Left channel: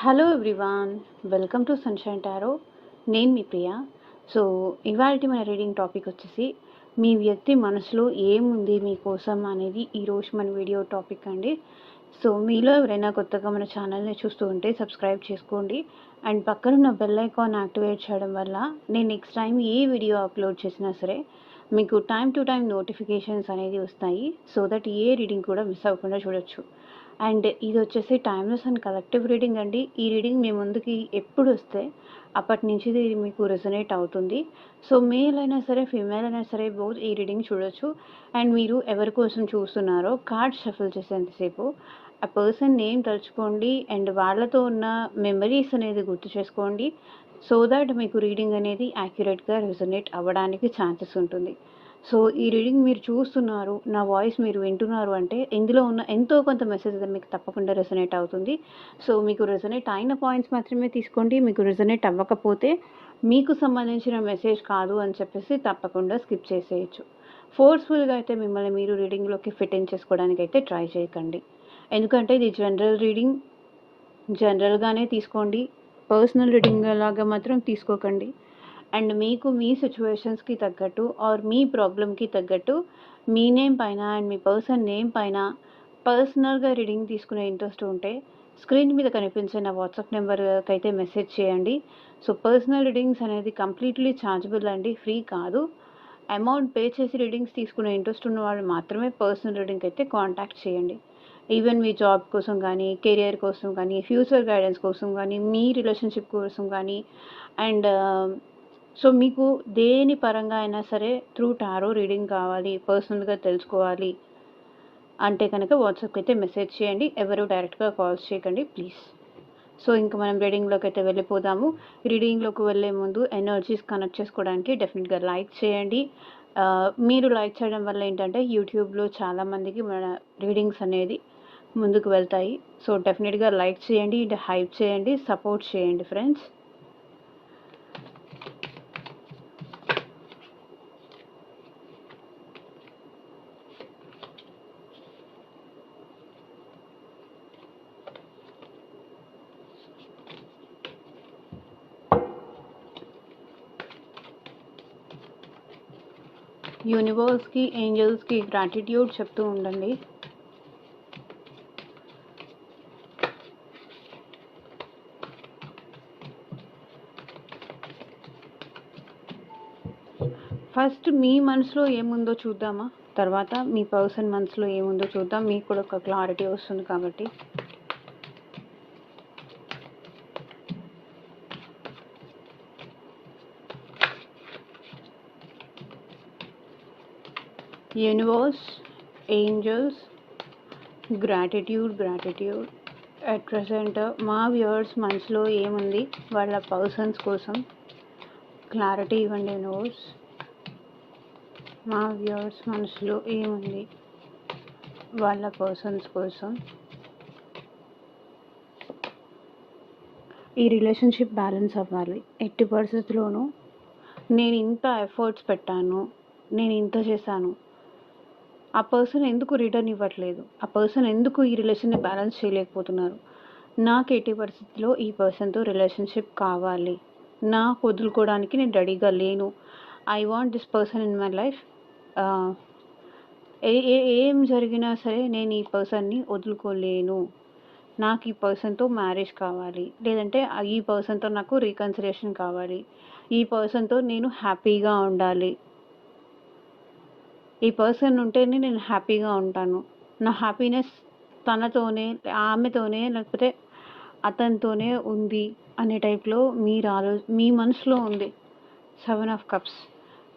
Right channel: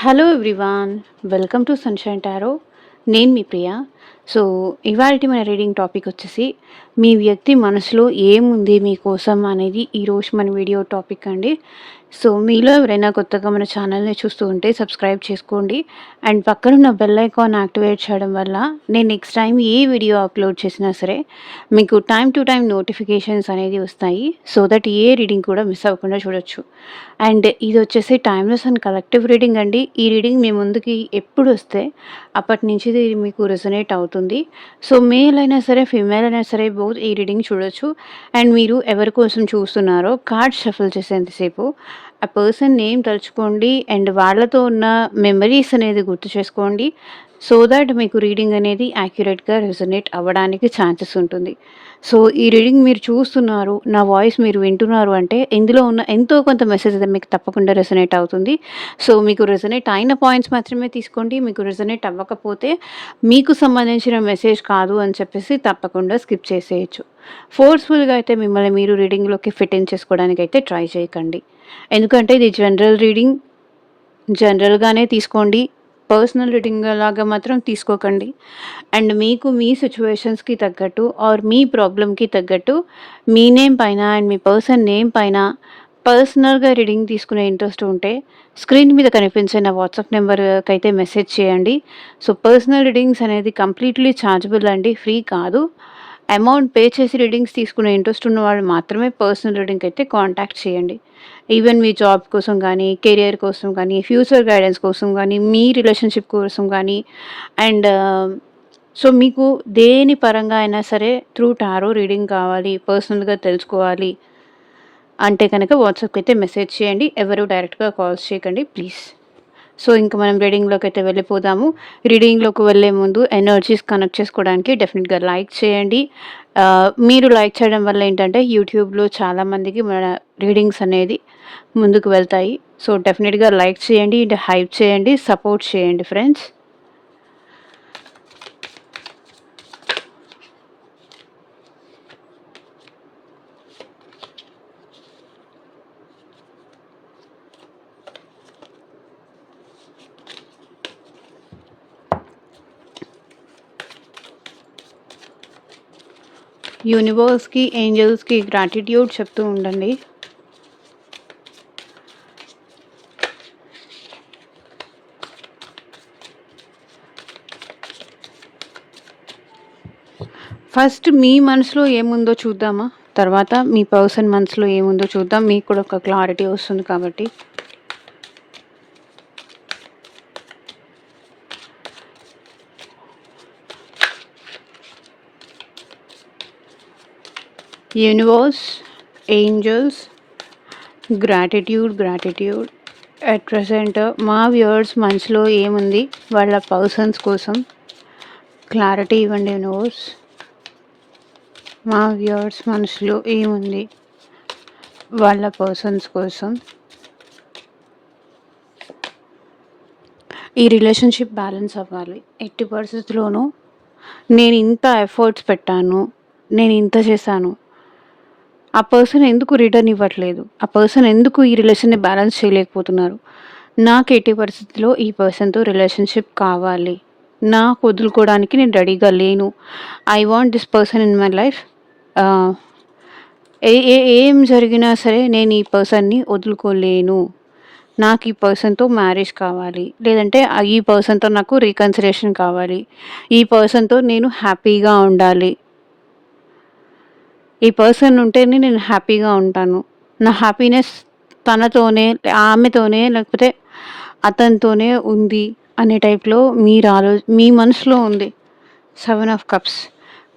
Hello everyone, welcome to sunshine tarot. నేను మీ ప్రియ. So, ఇవాల్టి మన రీడింగ్ టాపిక్ వచ్చేసి, మీ వ్యక్తి మనసులో ఏముంది మీకోసం అనేది ఈరోజు మన వీడియో టాపిక్ అండి. సో, మీలో ఎవరైనా కొత్తగా మన ఛానల్‌ని చూస్తూ ఉంటే సబ్స్క్రైబ్ చేసుకోండి. అండ్ పక్కనున్న బెల్ ఐకాన్ యాక్టివేట్ చేయడం వల్ల నేను నెక్స్ట్ టైం ఏ వీడియో అప్లోడ్ చేసినా సరే మీకు టైమ్ టు టైమ్ నోటిఫికేషన్స్ అనేది వస్తాయి. సో దట్ ఏ రీడింగ్ కూడా మిస్ అవ్వకుండా చూడొచ్చు. అండ్ ఇది వచ్చేసి టైమ్‌లెస్ అండ్ కలెక్టివ్ రీడింగ్ అండి. ఈ రీడింగ్ మీ ముందుకి ఎప్పుడొస్తే అప్పటి నుంచి ఇది మీకు రెజొనేట్ అవుతుంది. సో, మేల్ అయినా సరే, ఫీమేల్ అయినా సరే బోత్ ఈ రీడింగ్ చూడొచ్చు. అండ్ మీరు ఎవరి కోసం చూస్తున్నారో కార్డ్స్ షఫుల్ చేసేంతసేపు ఆ పర్సన్ నేమ్ తలుచుకోండి. అండ్ వాళ్ళతో ఉన్న మెమరీస్ అనేది గుర్తు చేసుకోండి. సో దట్ మీకు రీడింగ్ అనేది యాక్యురేట్‌గా రెజొనేట్ అవ్వడానికి ఛాన్సెస్ ఉంటుంది. సో, ఈ రీడింగ్ మీరు చూస్తున్నారు, నా వాయిస్ మీరు వింటున్నారు అంటే ఇందులో ఉన్న ఎంతో కొంత మెసేజ్ అయితే మీకు తప్పకుండా రెసొనేట్ అవుతుంది. సో, మీకు రెసొనేట్ అయిన పాయింట్స్ మాత్రమే తీసుకోండి. మీకు రెసొనేట్ అవ్వకపోతే మీకు సంబంధించిన మెసేజ్ కాదు అని చెప్పేసి తప్పకుండా స్కిప్ చేసేయొచ్చు. ఫోర్స్‌ఫుల్‌గా అయితే మిమ్మల్ని మీరు రీడింగ్‌లోకి ఫిట్ ఇన్ చేసుకోవడానికైతే ట్రై చేయకండి. ఎందుకంటే ఇది జనరల్ రీడింగ్. జనరల్‌గానే తీసుకోండి. పర్సనల్ రీడింగ్ లాగా మాత్రం తీసుకోకండి. అండ్ మీకు మీ సిట్యుయేషన్స్‌కి తగ్గట్టు ఆర్ మీ ప్రాబ్లమ్‌కి తగ్గట్టు మీ నేమ్ పైన అండ్ మీ పర్సన్ నేమ్ పైన పర్సనల్‌గా రీడింగ్ తీసుకునే ఇంట్రెస్ట్ ఉంటే స్క్రీన్ మీద కనిపించే నా వాట్సాప్ నెంబర్‌కైతే మెసేజ్ చేయండి. సో, పర్సనల్ రీడింగ్స్ అనేది కంప్లీట్‌లీ ఛార్జబుల్ అండి. ఫ్రీ కాదు. అమౌంట్ పే చేసి రీడింగ్స్ తీసుకునే ఇంట్రెస్ట్ ఉన్న వాళ్ళు మాత్రమే పర్సనల్ రీడింగ్‌కి అయితే కాంటాక్ట్ చేయండి. ఈవెన్ మీ జాబ్ కోసం గానీ, కెరియర్ కోసం గానీ, ఫ్యూచర్ గైడెన్స్ కోసం గానీ, మీ రిలేషన్‌షిప్ కోసం గానీ అండ్ సో, మీకు దేని పరంగా అయినా సరే త్రూ టారో రీడింగ్ కావాలి, పర్సనల్‌గా తెలుసుకోవాలి అంటే కనుక వాట్సాప్‌కైతే మెసేజ్ చేయండి. ఎవరు డైరెక్ట్‌గా కాల్స్ చేయకండి ప్లీజ్. సో, ఇంక మనం రీడింగ్‌లోకైతే వెళ్ళిపోదాము. రీడింగ్‌లోకి వెళ్ళే ముందు ఎనర్జీస్ కనెక్ట్ చేసుకోవడానికి డెఫినిట్‌గా లైక్ చేయండి. మీరు లైక్ చేయడం వల్ల ఏంటంటే యూట్యూబ్‌లో చాలామందికి మన రీడింగ్స్ అనేది ముందుకు వెళ్తాయి. సో, డెఫినిట్‌గా లైక్ చేయండి, హైప్ చేయండి, సపోర్ట్ చేయండి ఫ్రెండ్స్. యూనివర్స్‌కి, ఏంజెల్స్‌కి గ్రాటిట్యూడ్ చెప్తూ ఉండండి. ఫస్ట్ మీ మనసులో ఏముందో చూద్దామా? తర్వాత మీ పర్సన్ మనసులో ఏముందో చూద్దాం. మీకు కూడా ఒక క్లారిటీ వస్తుంది కాబట్టి. Universe, angels, gratitude. At present మా వ్యూవర్స్ మనసులో ఏముంది వాళ్ళ పర్సన్స్ కోసం క్లారిటీ ఇవ్వండి యూనివర్స్. మా వ్యూవర్స్ మనసులో ఏముంది వాళ్ళ పర్సన్స్ కోసం. ఈ రిలేషన్షిప్ బ్యాలెన్స్ అవ్వాలి. ఎట్టి పరిస్థితుల్లోనూ నేను ఇంత ఎఫర్ట్స్ పెట్టాను, నేను ఇంత చేశాను, ఆ పర్సన్ ఎందుకు రిటర్న్ ఇవ్వట్లేదు, ఆ పర్సన్ ఎందుకు ఈ రిలేషన్ని బ్యాలెన్స్ చేయలేకపోతున్నారు, నాకు ఎట్టి పరిస్థితిలో ఈ పర్సన్తో రిలేషన్షిప్ కావాలి, నాకు వదులుకోవడానికి నేను రెడీగా లేను, I want this person in my life. ఏం జరిగినా సరే నేను ఈ పర్సన్ని వదులుకోలేను, నాకు ఈ పర్సన్తో మ్యారేజ్ కావాలి, లేదంటే ఈ పర్సన్తో నాకు రీకన్సిలేషన్ కావాలి, ఈ పర్సన్తో నేను హ్యాపీగా ఉండాలి, ఈ పర్సన్ ఉంటేనే నేను హ్యాపీగా ఉంటాను, నా హ్యాపీనెస్ తనతోనే, ఆమెతోనే, లేకపోతే అతనితోనే ఉంది అనే టైప్లో మీ మనసులో ఉంది 7 ఆఫ్ కప్స్.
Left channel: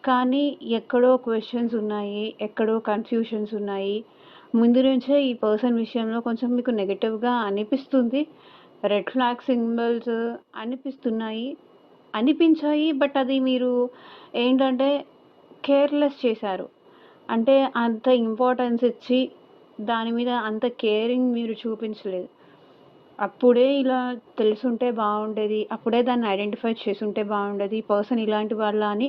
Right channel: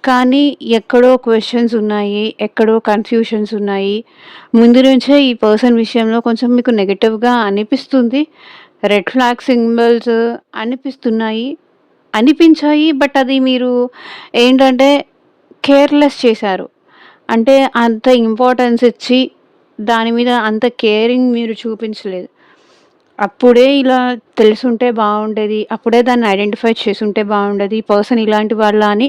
కానీ ఎక్కడో క్వెషన్స్ ఉన్నాయి, ఎక్కడో కన్‌ఫ్యూషన్స్ ఉన్నాయి. ముందు నుంచే ఈ పర్సన్ విషయంలో కొంచెం మీకు నెగెటివ్‌గా అనిపిస్తుంది. రెడ్ ఫ్లాగ్ సింబల్స్ అనిపించాయి. బట్ అది మీరు ఏంటంటే కేర్‌లెస్ చేశారు. అంటే అంత ఇంపార్టెన్స్ ఇచ్చి దాని మీద అంత కేరింగ్ మీరు చూపించలేదు. అప్పుడే ఇలా తెలిసుంటే బాగుండేది, అప్పుడే దాన్ని ఐడెంటిఫై చేసుంటే బాగుండేది, ఈ పర్సన్ ఇలాంటి వాళ్ళా అని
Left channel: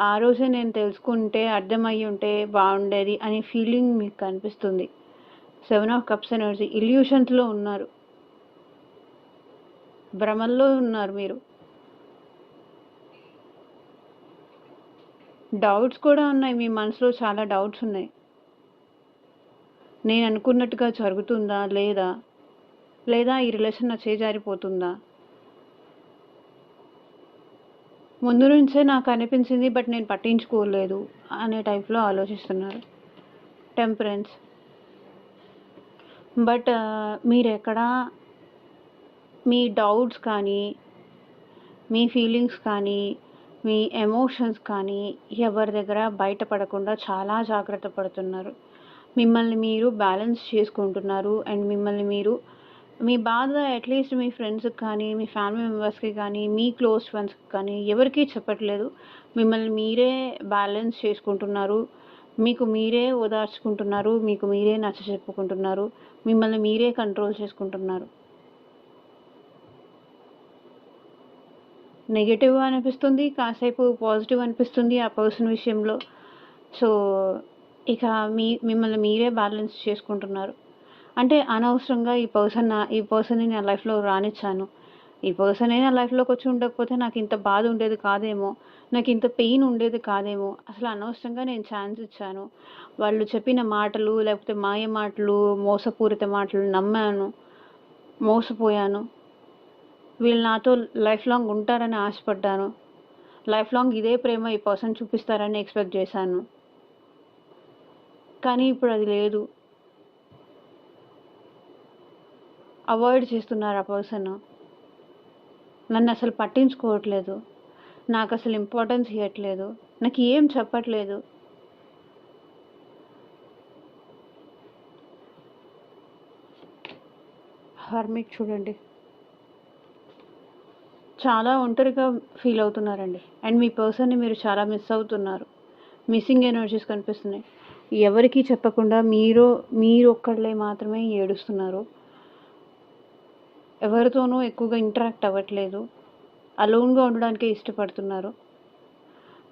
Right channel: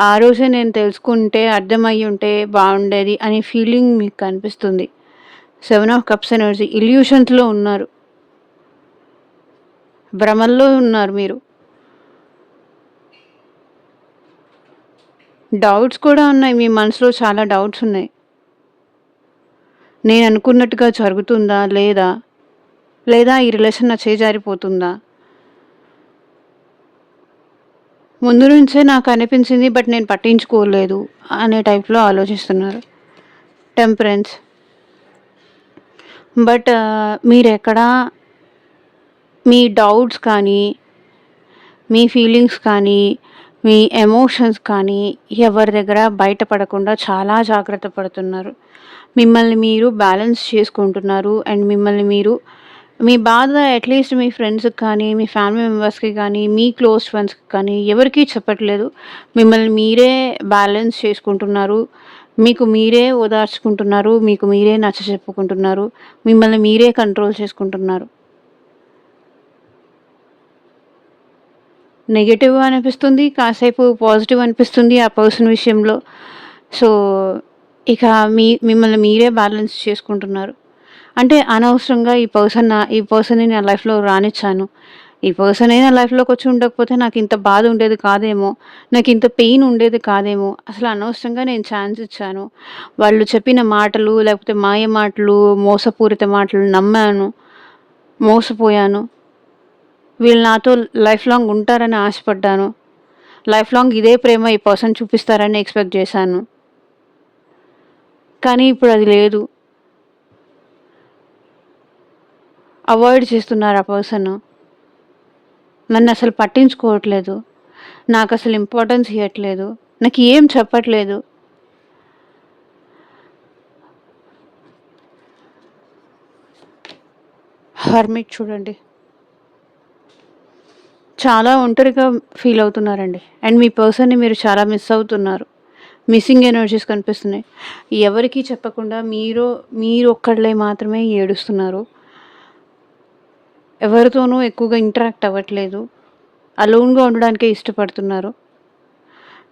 ఆ రోజే నేను తెలుసుకుంటే, అర్థమయ్యి ఉంటే బాగుండేది అనే ఫీలింగ్ మీకు కనిపిస్తుంది. 7 ఆఫ్ కప్స్ ఎనర్జీ ఇల్యూషన్స్‌లో ఉన్నారు. భ్రమల్లో ఉన్నారు మీరు. డౌట్స్ కూడా ఉన్నాయి. మీ మనసులో చాలా డౌట్స్ ఉన్నాయి. నేను అనుకున్నట్టుగా జరుగుతుందా? లేదా? లేదా ఈ రిలేషన్ నా చేజారిపోతుందా? ముందు నుంచే నాకు అనిపించింది. బట్ నేను పట్టించుకోలేదు అనే టైప్‌లో ఆలోచిస్తున్నారు. టెంపరెన్స్. బట్ మీరెక్కడా మీ డౌట్స్ కానీ, మీ ఫీలింగ్స్ కానీ, మీ ఎమోషన్స్ కానీ ఎవరి దగ్గర బయటపడకుండా చాలా జాగ్రత్త పడుతున్నారు. మిమ్మల్ని మీరు బ్యాలెన్స్ చేసుకుంటున్నారు. అండ్ మిమ్మల్ని మీరు మీ బాధ అట్‌లీస్ట్ మీ ఫ్రెండ్స్‌కి కానీ, మీ ఫ్యామిలీ మెంబర్స్‌కి కానీ, మీ క్లోజ్ ఫ్రెండ్స్‌కి కానీ ఎవరికీ చెప్పట్లేదు. మిమ్మల్ని మీరే బ్యాలెన్స్ చేసుకుంటున్నారు. మీకు మీరే ఓదార్చుకుంటున్నారు. మీకు మీరే నచ్చచెప్పుకుంటున్నారు. మిమ్మల్ని మీరే కంట్రోల్ చేసుకుంటున్నారు. నెగెటివ్ అనిపిస్తుంది. కాసేపు పాజిటివ్ అనిపిస్తుంది ఆ పర్సన్ విషయంలో. సో, ఇక మిమ్మల్ని మీరే బ్యాలెన్స్ చేసుకుంటున్నారు. అంటే అనవసరంగా ఈ పర్సన్‌ని నా లైఫ్‌లో రానిచ్చాను. ఈ పర్సనే నా లైఫ్‌లోకొచ్చి ఉండకపోతే నాకింత బాధ ఉండేది కాదేమో! నాకింత పెయిన్ ఉండేది కాదేమో! అసలు అనవసరంగా నేను ఛాన్స్ ఇచ్చాను. వాళ్ళు చెప్పిన మాటలు, లేకపోతే మాయ మాటలు, మోసపూరిత మాటలు నమ్మాను. మోసపోయాను. వీళ్ళు నాతో లైఫ్ లాంగ్ ఉంటారని ఆశపడ్డాను. లైఫ్ లాంగ్ ఇదే ప్రేమ ఈ పర్సన్ చూపిస్తారని ఎక్స్‌పెక్ట్ చేశాను. కానీ ఇప్పుడది లేదు. అవాయిడ్ చేస్తున్నారు ఆ పర్సను. నన్నసలు పట్టించుకోవట్లేదు. నాకసలు ఇంపార్టెన్స్ ఇయ్యట్లేదు. నాకేం చెప్పట్లేదు. హర్మిట్ చూడండి. చాలా ఒంటరిగా ఫీల్ అవుతున్నారండి. అండ్ మీ పర్సన్‌ని మీరు చాలా మిస్ అవుతున్నారు. మిస్సింగ్ ఎనర్జీస్ కనిపిస్తున్నాయి. ఎవరికీ చెప్పకుండా మీరొక్కళ్ళే మాత్రమే ఏడుస్తున్నారు. ఎవరితోనూ ఎక్కువగా ఇంటరాక్ట్ అవ్వట్లేదు. అలోన్‌గా ఉండడానికే ఇష్టపడుతున్నారు.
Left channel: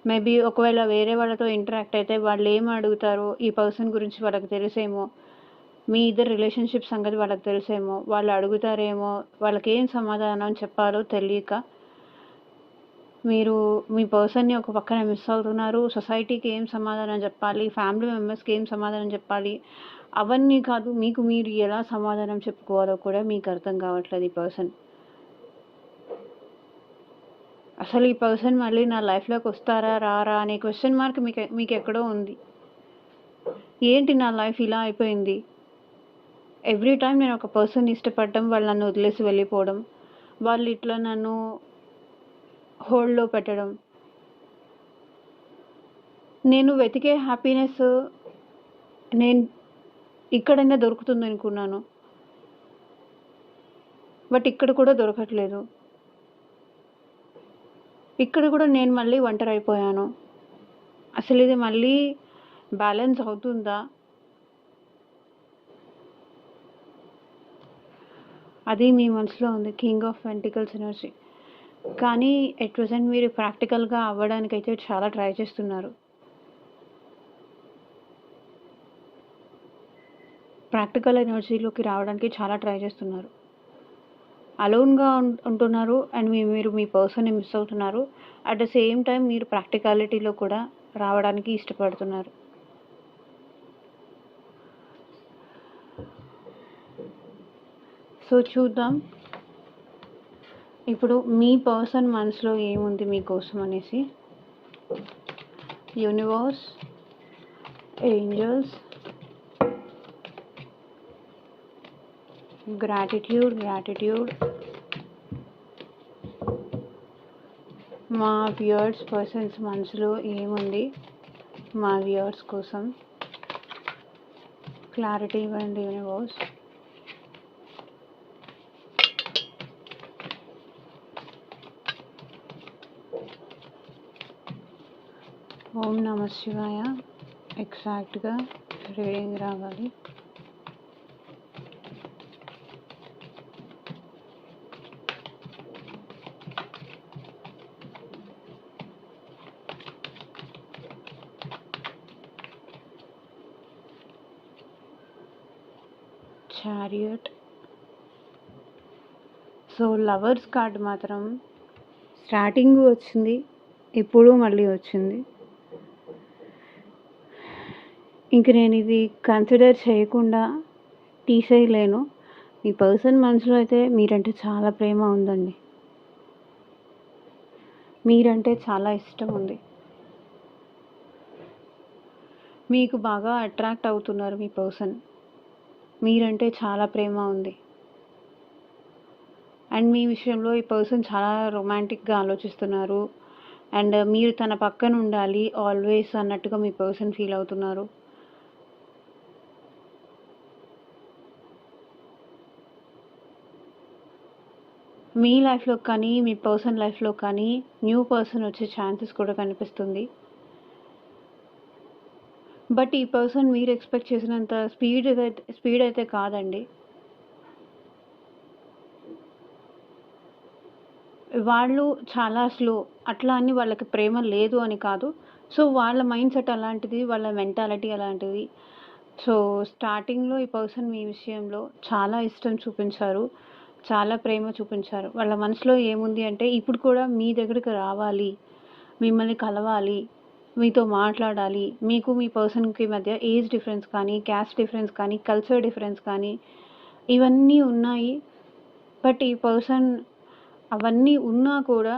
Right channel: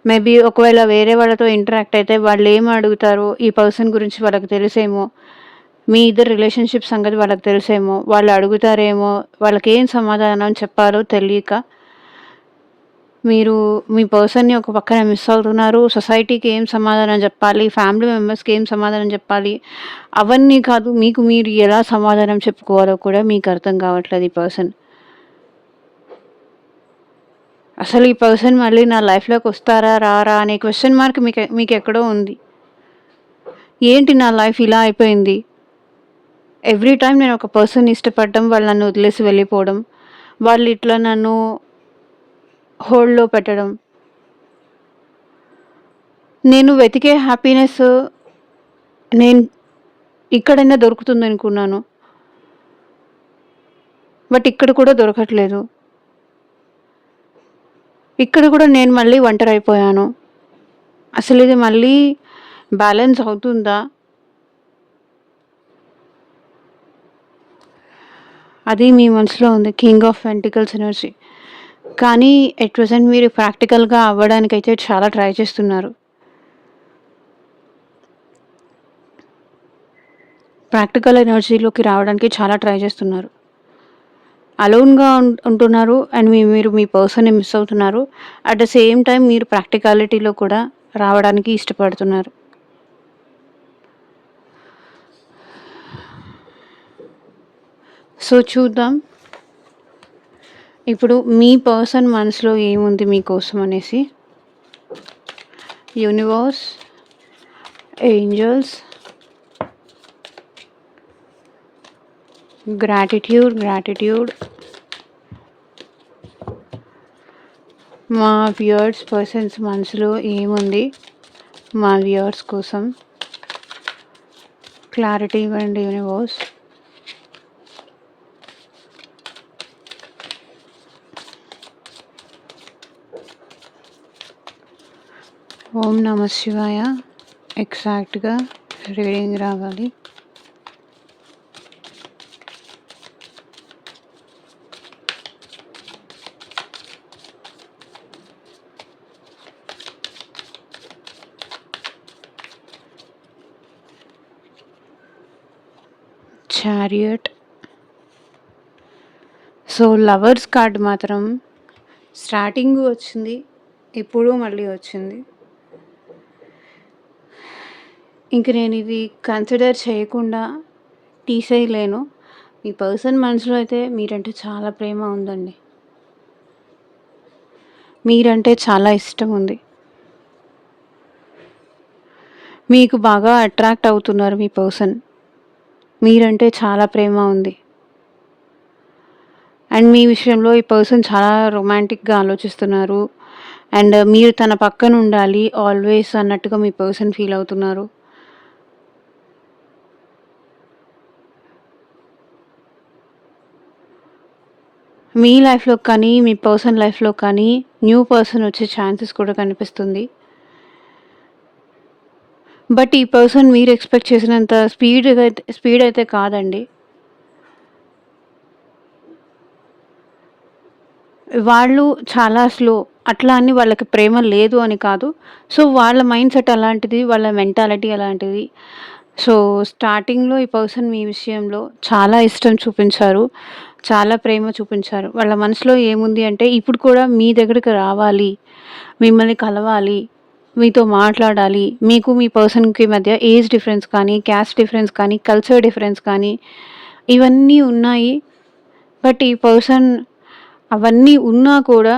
మేబీ ఒకవేళ వేరే వాళ్ళతో ఇంటరాక్ట్ అయితే వాళ్ళేం అడుగుతారో ఈ పర్సన్ గురించి వాళ్ళకి తెలుసేమో. మీ ఇద్దరి రిలేషన్‌షిప్ సంగతి వాళ్ళకి తెలుసేమో. వాళ్ళు అడుగుతారేమో. వాళ్ళకేం సమాధానం చెప్పాలో తెలియక మీరు మీ పర్సన్‌ని ఒక పక్కన మిస్ అవుతున్నారు. సొసైటీకి ఏం సమాధానం జెప్పాలి? ఫ్యామిలీ మెంబర్స్‌కి ఏం సమాధానం జెప్పాలి? అవన్నీ కాదు. మీకు మీరు ఎలా సమాధానం చెప్పుకోవాలో కూడా మీకు అర్థం కావట్లేదు ఈ పర్సన్. అసలు ఈ పర్సన్ మళ్ళీ నా లైఫ్‌లోకొస్తారా? రారా? అనే క్వెషన్ మార్క్ మీకెక్కడో ఉంది. ఏంటి నా లైఫ్ ఇలా అయిపోయింది? ఎవ్రీ టైమ్ నేను ఒక పర్సన్‌ని ఇష్టపడడం, వాళ్ళు నన్ను వదిలేసి వెళ్ళిపోవడం, వాళ్ళు ఇట్లా నన్ను హోల్డ్‌లో పెట్టడం. నేను వెతికే హ్యాపీనెస్ నేను ఇక్కడైనా దొరుకుతుందనుకున్నాను. బట్ ఇక్కడ కూడా దొరకట్లేదు. ఇక్కడ కూడా నేను మళ్ళీ ఒంటరైపోయాను. అసలిది మళ్ళీ బ్యాలెన్స్ అవుతుందా? అది మీ మనసులో ఉంది. King of pentacles energy. కానీ ఎట్ ప్రెజెంట్ మీరు ప్రాక్టికల్‌గా అవ్వడానికైతే చాలా ట్రై చేస్తున్నారు. ప్రాక్టికల్ ఎనర్జీలోకి రావడానికి చాలా ట్రై చేస్తున్నారు. అలోన్‌గా ఉంటున్నారు. అండ్ మీరు మీ పర్సన్‌ని మిస్ అవుతున్నారు. అట్ ద సేమ్ టైమ్ మీరు ప్రాక్టికాలిటీలో కూడా రావడానికి ఇష్టపడుతున్నారు. సో, చూద్దాం. ఇప్పుడు మీ పర్సన్ మనసులో ఏముంది మీకోసం అనేసి. Universe, angels, gratitude. మా వ్యూయర్స్ పర్సన్స్ మనసులో ఏముంది మా వ్యూయర్స్ కోసం క్లారిటీ ఇవ్వండి యూనివర్స్. ఓం నమః శివాయ. ఎగ్జాక్ట్‌గా రీడింగ్ రావాలి. చారియట్, సో, లవర్స్ కార్డ్ మాత్రం స్టార్టింగ్ వచ్చింది. ఇప్పుడు మళ్ళీ వచ్చింది. ఇంక నేనిది కన్సిడర్ చేయకుండా తీసేయలేను. మీ పర్సన్ మనసులో అయితే మీరంటే చాలా ప్రేమ ఉందండి. మీరంటే చాలా ఇష్టం ఉంది. మీకు బాగా అట్రాక్ట్ అవుతున్నారు మీ పర్సన్. మీరంటే చాలా ప్రేమ ఉంది. అండ్ మీ విషయంలో ఈ పర్సన్ చాలా రొమాంటిక్‌గా ఆలోచిస్తున్నారు. అండ్ మీరు తన పక్కన ఉండాలి ఆల్వేస్ అన్నట్టుగా మీ పర్సన్ ఫీల్ అవుతున్నారు. మీ లైఫ్‌లో కానీ, మీ పర్సన్ లైఫ్‌లో కానీ న్యూ పర్సన్ వచ్చే ఛాన్సెస్ కూడా కనిపిస్తుంది. బట్ ఈ పర్సన్ మీరు ఎక్స్‌పెక్ట్ చేసినంత స్పీడ్ అయితే కాదండి. వాళ్ళు చాలా స్లో. అట్లా అని వాళ్ళకి ప్రేమ లేదు అని కాదు. సో, వాళ్ళ మైండ్ సెట్ అలాంటిది. వాళ్ళ మెంటాలిటీ అలాంటిది. సో, స్టార్టింగ్‌లో ఈ పర్సన్ మీ విషయంలో చాలా ఇష్టం చూపించారు. చాలా ప్రేమ చూపించారు. వాళ్ళ మనసులో ఏముంది అంటే ఇప్పుడు కూడా మీ దగ్గరికి రావాలి, మిమ్మల్ని కలవాలి, మీతో మాట్లాడాలి. మీకు మీ పర్సన్‌కి మధ్య ఏజ్ డిఫరెన్స్ కానీ, క్యాస్ట్ డిఫరెన్స్ కానీ, కల్చర్ డిఫరెన్స్ కానీ ఇవన్నీ ఉన్నాయి. బట్ ఈ పర్సన్ అవన్నీ ఉన్నా కూడా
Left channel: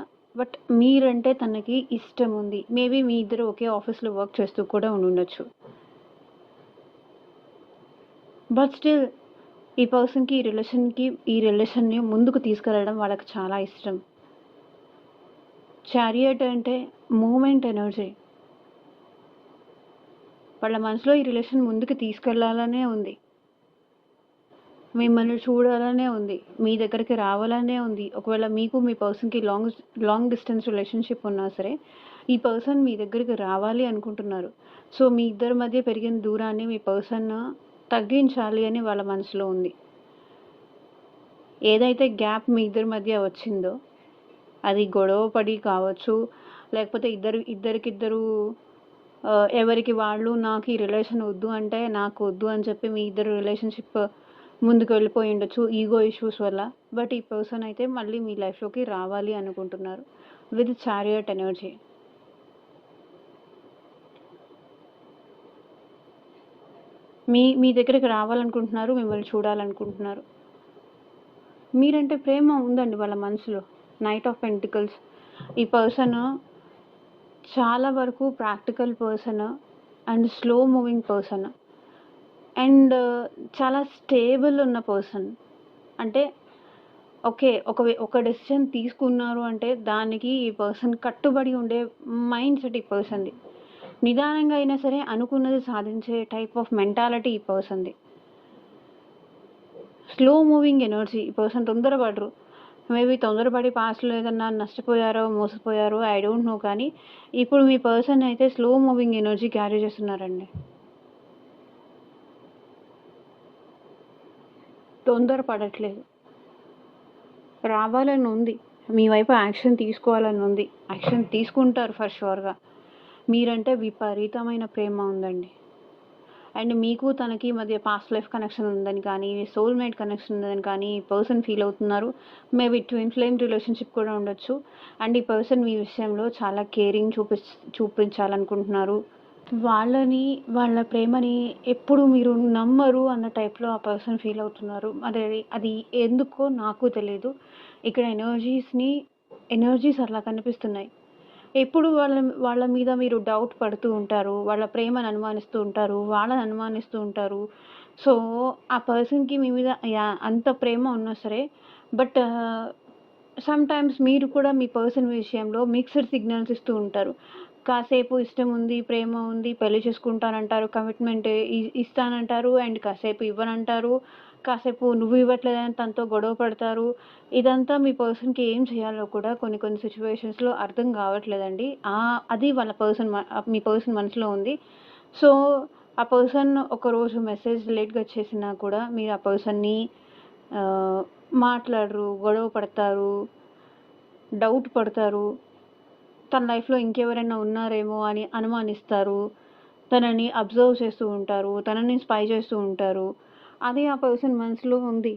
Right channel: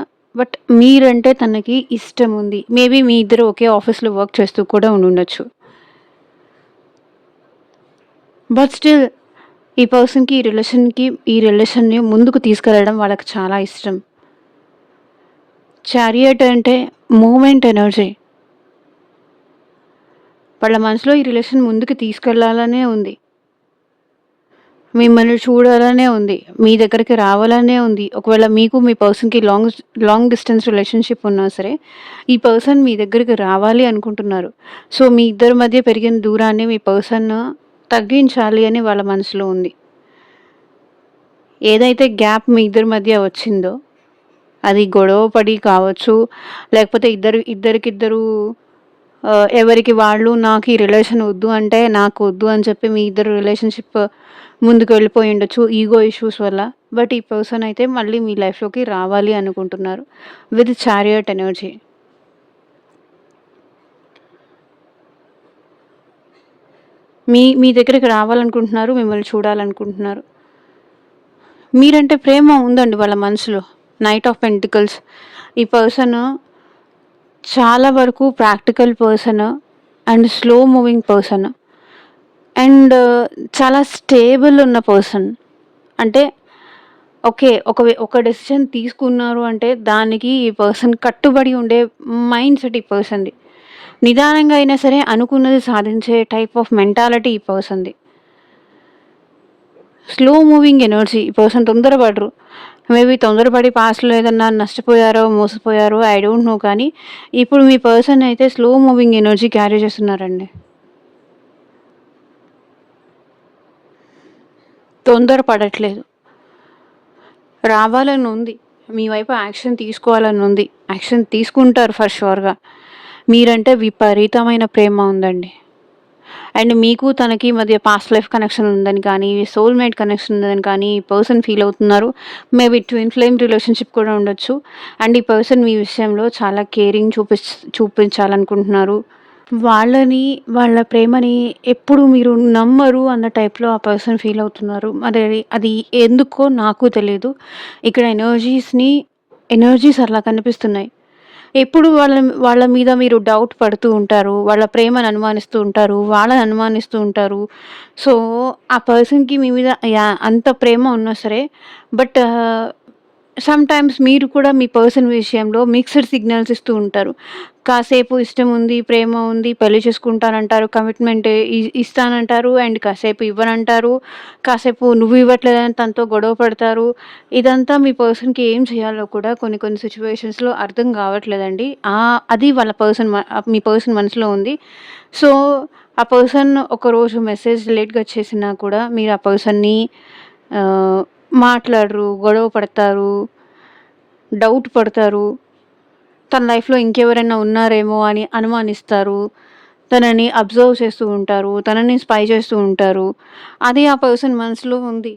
మీరంటే తనకి ఇష్టముంది. మేబీ మీ ఇద్దరు ఒకే ఆఫీస్‌లో వర్క్ చేస్తూ కూడా ఉండుండొచ్చు. బట్ స్టిల్ ఈ పర్సన్‌కి ఈ రిలేషన్‌ని ముందుకు తీసుకెళ్లడం వాళ్ళకి చాలా ఇష్టం. చారియట్ అంటే మూవ్‌మెంట్ ఎనర్జీ. వాళ్ళ మనసులో ఈ రిలేషన్ ముందుకు తీసుకెళ్లాలనే ఉంది. మిమ్మల్ని చూడాలనే ఉంది. మీ దగ్గరికి రావాలనే ఉంది. ఒకవేళ మీకు మీ పర్సన్‌కి లాంగ్ డిస్టెన్స్ రిలేషన్‌షిప్ ఉన్నా సరే, ఈ పర్సన్ మీ దగ్గరికి రావాలి అనుకుంటున్నారు. సో, మీ ఇద్దరి మధ్య పెరిగిన దూరాన్ని మీ పర్సన్ తగ్గించాలి అని వాళ్ళ మనసులో ఉంది. ఏదైతే గ్యాప్ మీ ఇద్దరి మధ్య వచ్చిందో, అది గొడవ పడి కావచ్చు, లేకపోతే ఇద్దరికిద్దరు ఎవరికి వాళ్ళు నాకు ఈ రిలేషన్ వద్దు అంటే, నాకు వద్దు అని చెప్పి మీ ఇద్దరు రిలేషన్‌షిప్ ముందుకు వెళ్ళిపోయుండొచ్చు ఈగో ఇష్యూస్ వల్ల. బట్ ఈ పర్సన్ అయితే మళ్ళీ మీ లైఫ్‌లోకి రావాలి అనుకుంటున్నారు. With chariot energy. మీ దగ్గరికి రావాలనుకుంటున్నారు. మిమ్మల్ని చూడాలనుకుంటున్నారు. మీరంటే ప్రేమ ఉందండి వాళ్ళ మనసులో. Knight of pentacles. ఈ పర్సన్ చాలా వరకు practical person and slow moving person. And చాలా స్టేబుల్ ఉన్న పర్సన్. అంటే ఓకే. ఒక డెసిషన్ తీసుకున్నారు అంటే దానికి ఈ పర్సన్ కట్టుబడి ఉండే మైండ్ సెట్ ఈ పర్సన్‌ది. నిదానంగా అయినా సరే అనుకున్నది సాధించే టైప్ ఆఫ్ మెంటాలిటీ ఈ పర్సన్‌ది. Slow moving energy. ఈ పర్సన్ తొందరపడరు. మేబీ తొందరపడి పాస్ట్‌లో ఏదన్నా నష్టపోయారో, మోసపోయారో ఐ డోంట్ నో కానీ ఇప్పుడు మీ పర్సన్ అయితే స్లో మూవింగ్ ఎనర్జీ క్యారీ చేస్తున్నారండి. తొందర పడట్లేదు. రావాలని ఉంది. మీ వైపు యాక్షన్ తీసుకోవాలని ఉంది. యాక్షన్ తీసుకుంటారు ఫర్ ష్యూర్‌గా. మీరంటే విపరీతమైన ప్రేమ ఉందండి. అండ్ మీకు తనకి మధ్య పాస్ట్ లైఫ్ కనెక్షన్ ఉందని కానీ, సోల్‌మేట్ కనెక్షన్ ఉందని కానీ ఈ పర్సన్ ఫీల్ అవుతున్నారు. మేబీ ట్విన్ ఫ్లేమ్ రిలేషన్‌షిప్ కూడా ఉండొచ్చు. అండ్ ఈ పర్సన్ మీ విషయంలో చాలా కేరింగ్ చూపించాలనుకుంటున్నారు. వాళ్ళని, వాళ్ళ ప్రేమని ఎప్పుడు మీరు నమ్మరు అన్న టైప్‌లో ఆ పర్సన్ ఫీల్ అవుతున్నారు. మరి అది ఎందుకో నాకు తెలీదు. ఇక్కడ ఎనర్జీస్ అలా కనిపిస్తున్నాయి. ఎప్పుడు వాళ్ళ మీద మీరు డౌట్ పడుతూ ఉంటారు. వాళ్ళ ప్రేమను అనుమానిస్తూ ఉంటారు. వాళ్ళని అనుమానిస్తూ ఉంటారు. సో, ఆ పర్సన్‌కి మీ మీద అంత ప్రేమ ఉన్నా సరే బట్ సమ్‌టైమ్స్ మీరు కూడా మీ పర్సన్ విషయంలో మిక్స్డ్ సిగ్నల్స్ ఇస్తూ ఉంటారు. కాసేపు ఇష్టం ఉంది, ప్రేమ ఉంది, పెళ్లి చేసుకుంటానంటారు, కమిట్మెంట్ ఇస్తానంటారు అండ్ కాసేపు ఇవ్వనంటారు. కాసేపు నువ్వు ఇవ్వట్లేదని తనతో గొడవ పడతారు. ఇదంతా మీ పర్సన్‌కి ఏం చేయాలో కూడా కొన్ని కొన్ని సిట్యుయేషన్స్‌లో అర్థం కావట్లేదండి. అది వాళ్ళ మీ పర్సన్ మనసులో ఉంది. సో, ఆ పర్సన్ ఒకరోజు మెసేజ్ లేట్‌గా చేసినా కూడా మీరు ఆ పర్సన్‌ని ఆహ్, మాట్లాడరు, గొడవ పడతారు, డౌట్ పడతారు. తన లైఫ్‌లో ఇంకెవరైనా ఉన్నారేమో అని అనుమానిస్తారు. తనని అబ్జర్వ్ చేస్తూ ఉంటారు. తనని స్పై చేస్తూ ఉంటారు. అది ఆ పర్సన్ మనసులో ఉంది.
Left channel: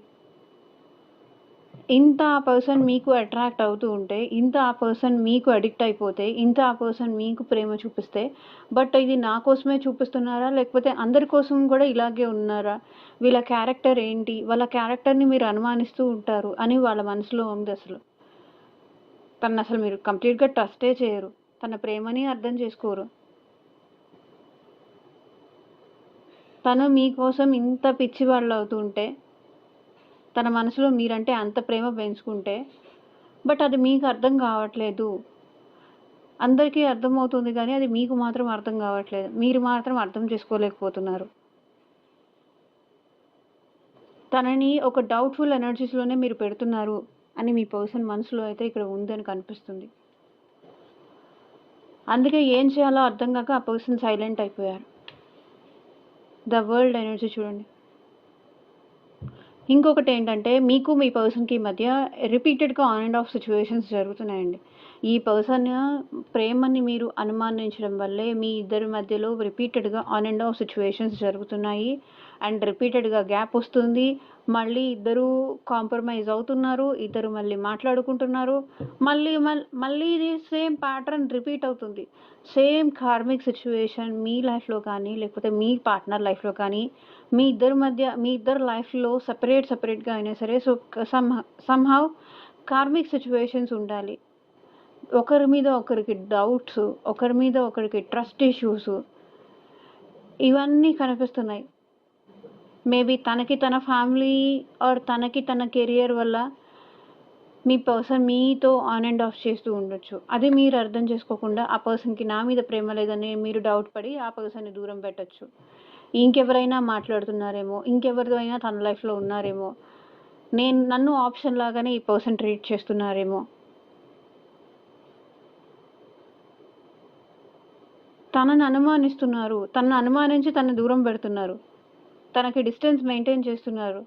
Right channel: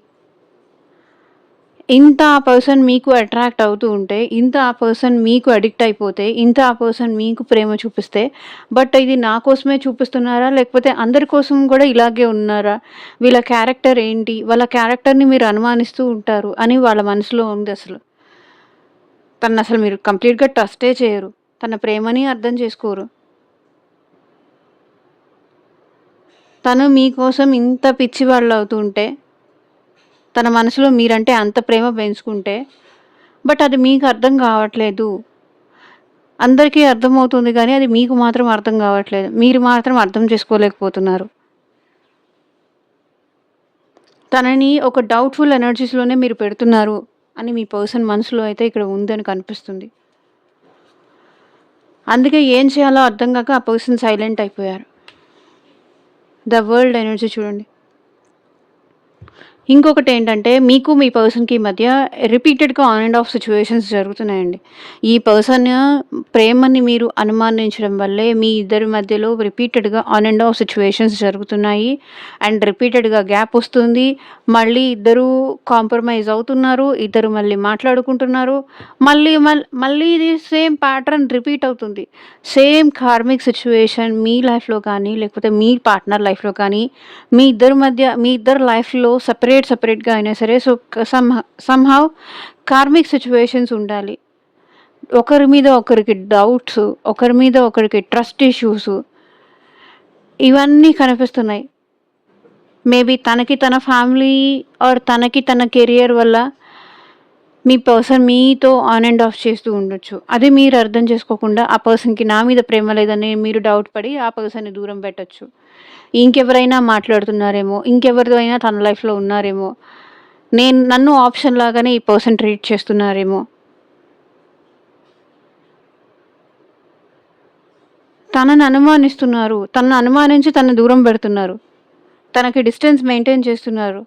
ఇంత ఆ పర్సన్ మీకు అట్రాక్ట్ అవుతూ ఉంటే, ఇంత ఆ పర్సన్ మీకు అడిక్ట్ అయిపోతే, ఇంత ఆ పర్సన్ మీకు ప్రేమ చూపిస్తే, బట్ ఇది నా కోసమే చూపిస్తున్నారా? లేకపోతే అందరి కోసం గూడా ఇలాగే ఉన్నారా? వీళ్ళ క్యారెక్టర్ ఏంటి? వాళ్ళ క్యారెక్టర్‌ని మీరు అనుమానిస్తూ ఉంటారు అని వాళ్ళ మనసులో ఉందసలు. తననసలు మీరు కంప్లీట్‌గా ట్రస్టే చేయరు. తన ప్రేమని అర్థం చేసుకోరు. తను మీకోసం ఇంత పిచ్చివాళ్ళవుతూ ఉంటే, తన మనసులో మీరంటే అంత ప్రేమ పెంచుకుంటే, బట్ అది మీకు అర్థం కావట్లేదు. అందరికీ అర్థమవుతుంది గానీ, అది మీకు మాత్రం అర్థం కావట్లేదు. మీరు మాత్రం అర్థం చేసుకోలేకపోతున్నారు. తనని ఒక డౌట్‌ఫుల్ ఎనర్జీస్‌లోనే మీరు పెడుతున్నారు అని మీ పర్సన్ మనసులో అయితే ఇక్కడ ఉందని కనిపిస్తుంది. అందుకే ఏం చేయాలో అర్థం గాక ఆ పర్సన్ సైలెంట్ అయిపోయారు. ద వరల్డ్ ఎనర్జీ చూడండి. ఇంకొకటేంటంటే, మీకు మీ పర్సన్‌కి మధ్య రిపీటెడ్‌గా ఆన్ అండ్ ఆఫ్ సిట్యుయేషన్స్ జరుగుతున్నాయండి. ఈ పర్సన్ ప్రేమని మీరు అనుమానించడం వల్లే మీ ఇద్దరి మధ్యలో రిపీటెడ్‌గా ఆన్ అండ్ ఆఫ్ సిట్యుయేషన్స్ జరుగుతున్నాయి. అండ్ రిపీటెడ్‌గా గ్యాపొస్తుంది. మళ్ళీ ఇద్దరూ కాంప్రమైజ్ అవుతున్నారు. ఇద్దరు మళ్ళీ మాట్లాడుకుంటున్నారు. మళ్ళీ ఇది సేమ్ ప్యాటర్న్ రిపీట్ అవుతుంది. సేమ్ కార్మిక్ సిట్యుయేషన్ మీ లైఫ్‌లో కానీ, లేకపోతే మీ పార్ట్నర్ లైఫ్‌లో కానీ మీ ఇద్దరి లైఫ్‌లో సెపరేట్‌గా అయినా సరే సో, సమ్‌హౌ కార్మిక్ సిట్యుయేషన్స్ ఉండాలి. ఒకరి మీద ఒకరికి డౌట్స్, ఒకరి మీద ఒకరికి ట్రస్ట్ ఇష్యూస్ ఇవన్నీ కనిపిస్తున్నాయి. మేబీ తనకి తన ఫ్యామిలీ తనకి తన కెరియర్ వల్ల మీ పర్సన్ మీతో ఆన్ అండ్ ఆఫ్ చేస్తూ ఉండొచ్చు. అది మీరు అర్థం చేసుకోకుండా ఆ పర్సన్‌కి నా మీద ప్రేమ లేదని మీరు డౌట్ పడి ఆ పర్సన్‌ని దూరం పెట్టొచ్చు. ఇంకెవరైనా మాట్లాడుతున్నారేమో, ఇంకెవరితో అయినా తన లైఫ్‌లో ఉన్నారేమో, నన్ను ఆప్షన్ లాగానే ఈ పర్సన్ ట్రీట్ చేస్తున్నారేమో. తనని అనుమానిస్తున్నారు. తనని అనుమానించి తనని దూరం పెడుతున్నారు. తనకి డిస్టెన్స్ మెయింటైన్ చేస్తున్నారు.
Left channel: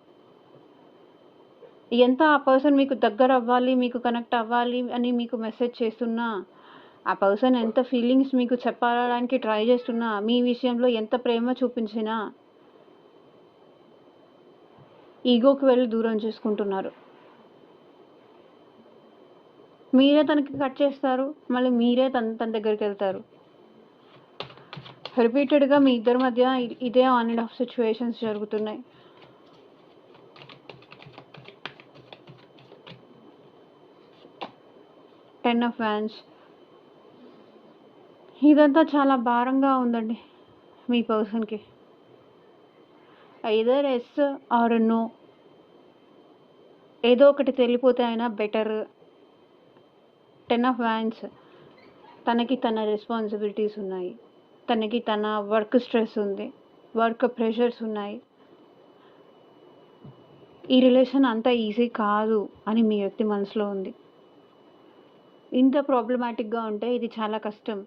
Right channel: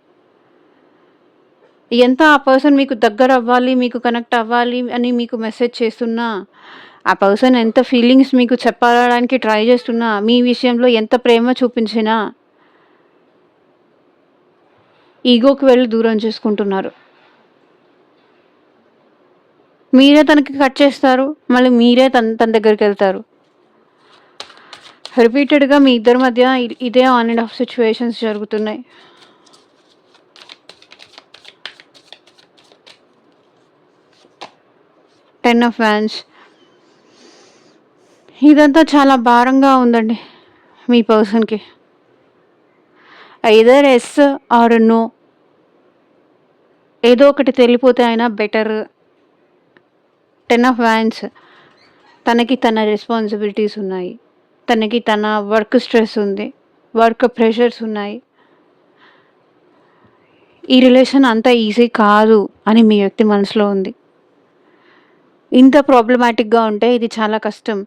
ఎంత ఆ పర్సన్ మీకు దగ్గరవ్వాలి, మీకు కనెక్ట్ అవ్వాలి అని మీకు మెసేజ్ చేస్తున్నా, ఆ పర్సన్ ఎంత ఫీలింగ్స్ మీకు చెప్పడానికి ట్రై చేస్తున్నా, మీ విషయంలో ఎంత ప్రేమ చూపించినా, ఈగోకి వెళ్లి దూరం చేసుకుంటున్నారు. మీరే తనకి కట్ చేస్తారు. మళ్ళీ మీరే తన దగ్గరికెళ్తారు. రిపీటెడ్‌గా మీ ఇద్దరి మధ్య ఇదే ఆన్ అండ్ ఆఫ్ సిట్యుయేషన్స్ జరుగుతున్నాయి. Ten of wands. ఇదంతా చాలా భారంగా ఉందండి మీ పర్సన్‌కి. Either yes or no. ఏదో ఒకటి తెలియపోతే అయినా బెటర్. Ten of vans. తనకి తన రెస్పాన్సిబిలిటీస్ ఉన్నాయి. తనకి తన వర్క్ స్ట్రెస్ ఉంది. వర్క్ ప్రెషర్స్ ఉన్నాయి. ఈ రిలేషన్ అంత ఈజీ కాదు అని మీ వ్యక్తి మనసులో ఉంది. ఇంత ప్రాబ్లమాటిక్‌గా ఉంటే ఇది చాలా కష్టం.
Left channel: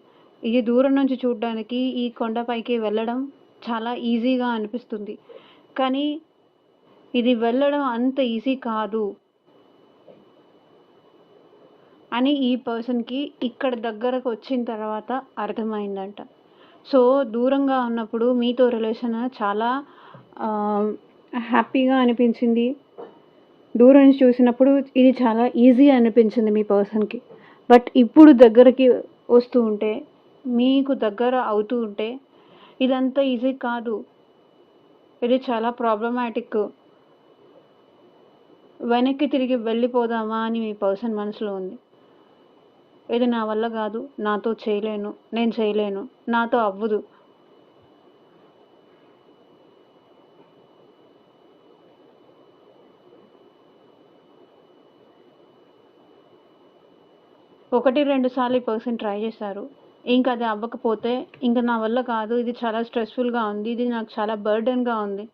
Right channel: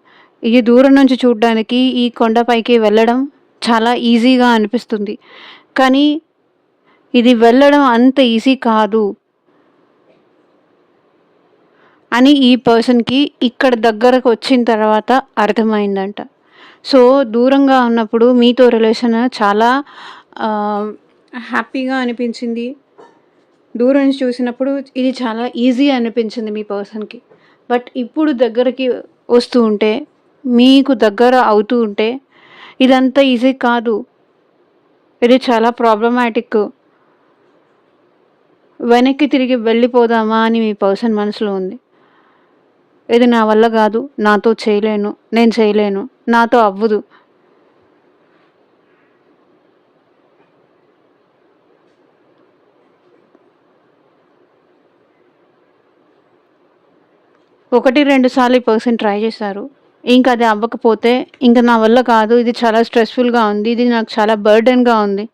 ఇది దూరం నుంచి చూడ్డానికి ఈ కొండపైకి వెళ్ళడం చాలా ఈజీగా అనిపిస్తుంది. కానీ ఇది వెళ్ళడం అంత ఈజీ కాదు అని ఈ పర్సన్‌కి ఇక్కడ దగ్గరకొచ్చిన తర్వాత అర్థమైందంట. సో, దూరంగా ఉన్నప్పుడు మీతో రిలేషన్ చాలా ఆహ్, హ్యాపీగా అనిపించింది. దూరం నుంచి చూసినప్పుడు ఇది చాలా ఈజీ అనిపించింది మీ పర్సన్‌కి. బట్ ఇప్పుడు దగ్గరికి వస్తూ ఉంటే, మీకు దగ్గర అవుతూ ఉంటే, ఇదంతా ఈజీ కాదు. ఇది చాలా ప్రాబ్లమాటిక్. వెనక్కి తిరిగి వెళ్ళిపోదామా అని మీ పర్సన్ మనసులో ఉంది. ఇది నా వల్ల గాదు. నాతో చేయలేను. నేను చేయలేను. నాతో అవ్వదు. ఒకటి, 2 సార్లు ఈ పర్సన్ ట్రై చేశారు. ఇంక అది అవ్వకపోతే, ఇంక నా వల్ల కాదు. ఇది చాలా స్ట్రెస్‌ఫుల్‌గా ఉంది. ఇది నాకు చాలా బర్డెన్‌గా ఉంది.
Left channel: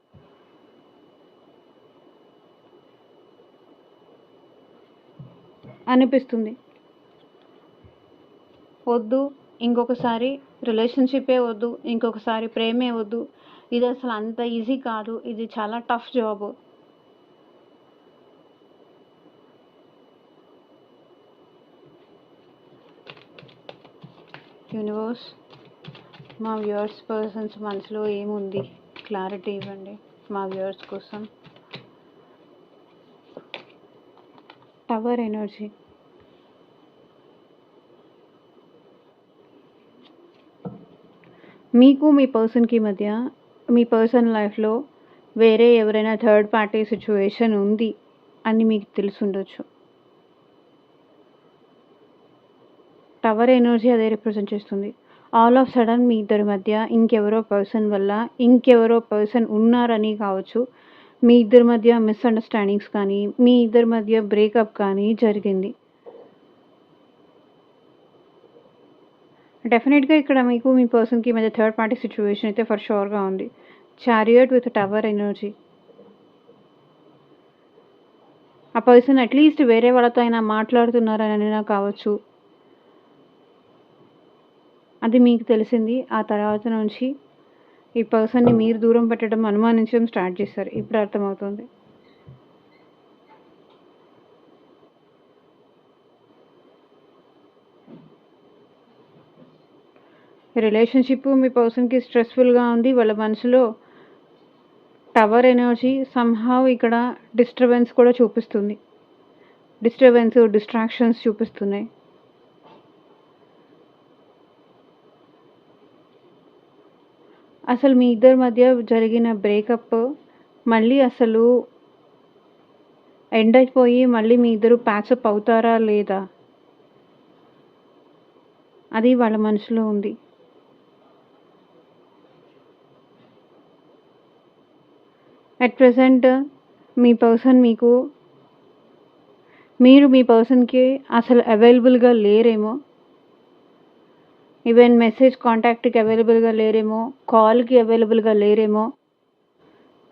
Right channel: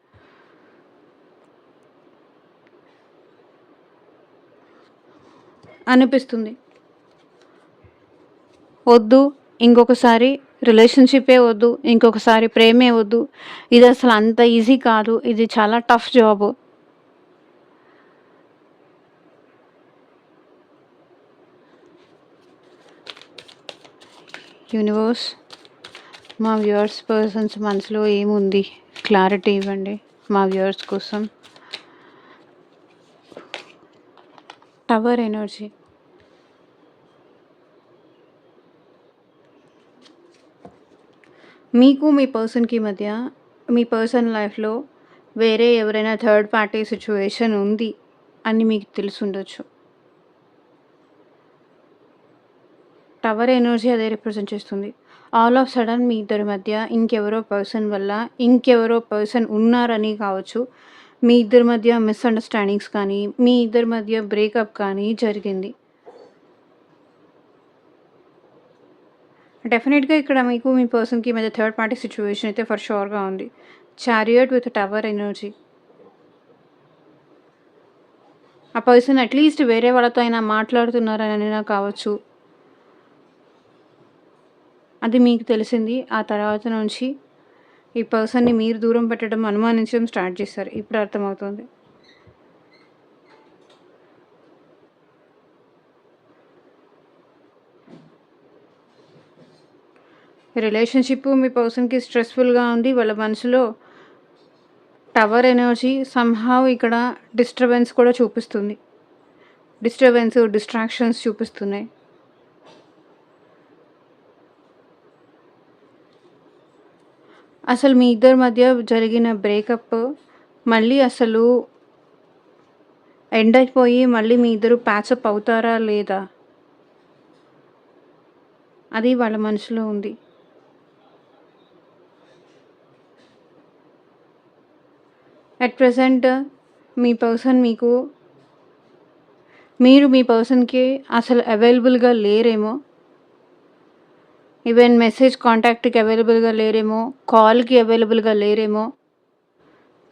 అనిపిస్తుంది. వద్దు. ఇంకొకసారి రిలేషన్‌షిప్పే వద్దు. ఇంకొకసారి ప్రేమే వద్దు. ఇదసలు అంత ఈజీ కాదు. ఇది చాలా టఫ్ జాబు. యూనివర్స్ మా వ్యూవర్స్ పర్సన్స్ మనసులో ఏముంది? క్లారిటీ ఇవ్వండి మా వ్యూవర్స్ కోసం. Tower energy. మీకు మీ పర్సన్‌కి మధ్య మీ పర్సన్ లైఫ్‌లో వేరే ఎవరైనా థర్డ్ పార్టీ సిట్యుయేషన్ ఉంది అని మీకు తెలిసుండొచ్చు. టవర్ ఎనర్జీ అదే రిప్రజెంట్ చేస్తుంది. ఆల్ ఆఫ్ సడన్ మీ ఇద్దరి మధ్య ఇంకెవరో పర్సన్ వల్ల ఇంకెవరో పర్సన్ ఉన్నారని కావచ్చు. మీ ఇద్దరి మధ్య మిస్‌అండర్‌స్టాండింగ్స్ కానీ, మీ ఇద్దరి మధ్య బ్రేకప్ కానీ జరిగింది. డెఫినెట్‌గా ఇక్కడ మీకు మీ పర్సన్‌కి మధ్య థర్డ్ పార్టీ సిట్యుయేషన్ అయితే ఫర్ ష్యూర్‌గా ఉంది. Chariot with tower energy. ఆ పర్సన్ అట్‌లీస్ట్ వేరే వాళ్ళతో అయినా మాట్లాడుతున్నారనైనా కావచ్చు. అది మీకు తెలిసింది. ఆ తర్వాత నుంచి ఈ పర్సన్‌ని మీరు దూరం పెట్టడం, అనుమానించడం స్టార్ట్ చేశారు. ఇప్పుడు అర్థమవుతుంది. రిలేషన్‌షిప్ మీ పర్సన్‌కి స్ట్రెస్‌ఫుల్‌గా ఉంది. వాళ్ళ మనసులో టవర్ ఎనర్జీ సమ్‌హౌ ఇక్కడ డిస్టర్బెన్స్ కూడా చూపిస్తుంది. డిస్ట్రాక్షన్స్ చూపిస్తున్నాయి. అసలు మీ ఇద్దరి మధ్య జరిగిన బ్రేకప్ మళ్ళీ అసలు ఎండ్ అయిపోయి మళ్ళీ మీ ఇద్దరు ప్యాచప్ అవుతారా లేదా? అది వాళ్ళ మనసులో ఉంది. అట్ ప్రెజెంట్ మీ పర్సన్ మీరు మీ పర్సన్‌కి అసలు అవైలబుల్‌గా లేరేమో. ఈవెన్ మెసేజ్ కాంటాక్ట్‌కి అవైలబుల్‌గా లేరేమో. కాల్‌కి అవైలబుల్‌గా లేరేమో.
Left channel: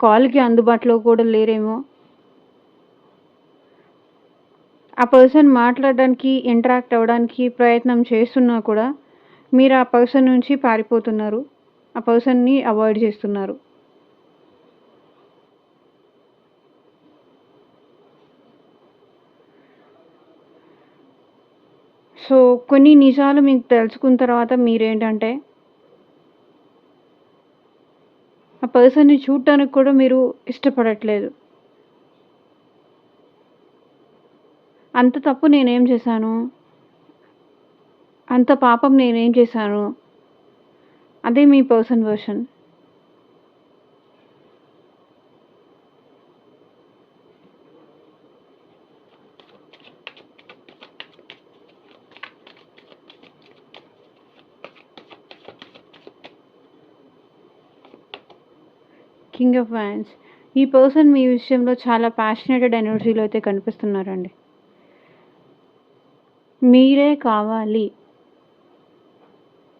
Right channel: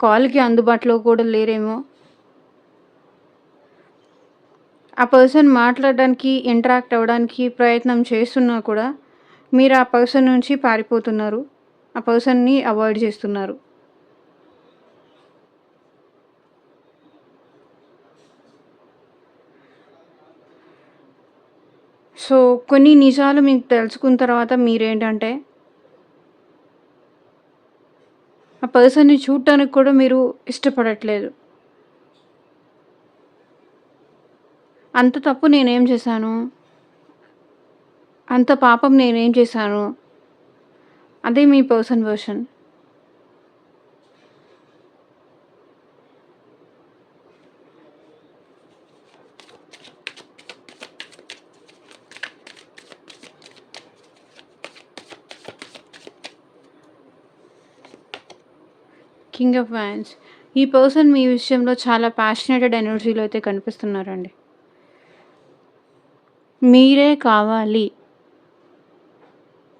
కాల్‌కి అందుబాటులో కూడా లేరేమో. ఆ పర్సన్ మాట్లాడడానికి, ఇంటరాక్ట్ అవ్వడానికి ప్రయత్నం చేస్తున్నా కూడా మీరు ఆ పర్సన్ నుంచి పారిపోతున్నారు. ఆ పర్సన్‌ని అవాయిడ్ చేస్తున్నారు. సో, కొన్ని నిజాలు మీకు తెలుసుకున్న తర్వాత మీరేంటంటే, ఆ పర్సన్‌ని చూడటానికి కూడా మీరు ఇష్టపడట్లేదు. అంత తప్పు నేనేం చేశాను? అంత పాపం నేనేం చేశాను? అదే మీ person version. King of wands. ఈ పర్సన్ మీ విషయంలో చాలా ప్యాషనేటెడ్ ఎనర్జీలో అయితే కనిపిస్తున్నారండి. మీరే కావాలి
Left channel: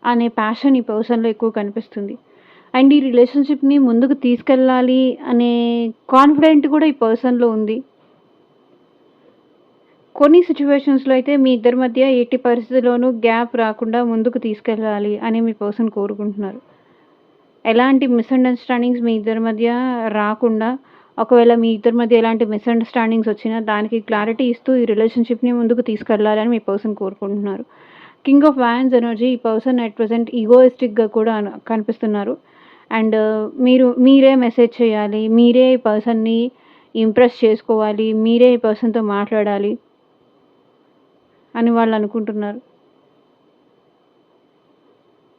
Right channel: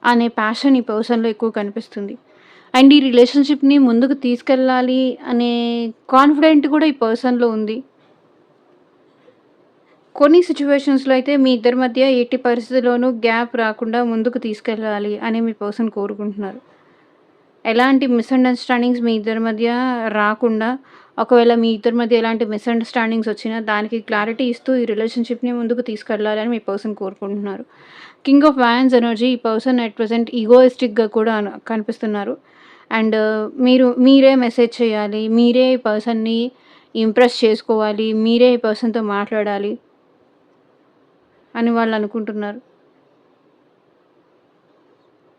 అనే ప్యాషన్ ఈ పర్సన్‌లో ఎక్కువ కనిపిస్తుంది. అండ్ ఈ రిలేషన్‌షిప్‌ని ముందుకు తీసుకెళ్ళాలి అనే కాన్ఫిడెంట్ కూడా ఈ పర్సన్‌లో ఉంది. కొన్ని సిట్యుయేషన్స్‌లో అయితే మీ ఇద్దరి మధ్య ఎట్టి పరిస్థితిలోనూ గ్యాప్ రాకుండా ముందుకు తీసుకెళ్ళాలి అని మీ పర్సన్ కోరుకుంటున్నారు. ఎలాంటి మిస్‌అండర్‌స్టాండింగ్స్ మీ ఇద్దరి మధ్య రాకుండా, ఒకవేళ మీ ఇద్దరి మధ్య ఎలాంటి మిస్‌అండర్‌స్టాండింగ్స్ వచ్చినా దానికి క్లారిటీ ఇస్తూ ఈ రిలేషన్‌షిప్‌ని ముందుకు తీసుకెళ్ళాలని మీ పర్సన్ కోరుకుంటున్నారు. కింగ్ ఆఫ్ వాండ్స్ ఎనర్జీ ఈ పర్సన్ అట్ ప్రెజెంట్ ఈగోయిస్టిక్‌గా కూడా కనిపిస్తున్నారు. అండ్ మీరే మెసేజ్ చేయాలి. మీరే ఈ పర్సన్‌ని ఇంప్రెస్ చేసుకోవాలి. మీరే ఈ పర్సన్‌తో మాట్లాడాలి అని వాళ్ళు అనుకుంటున్నారు.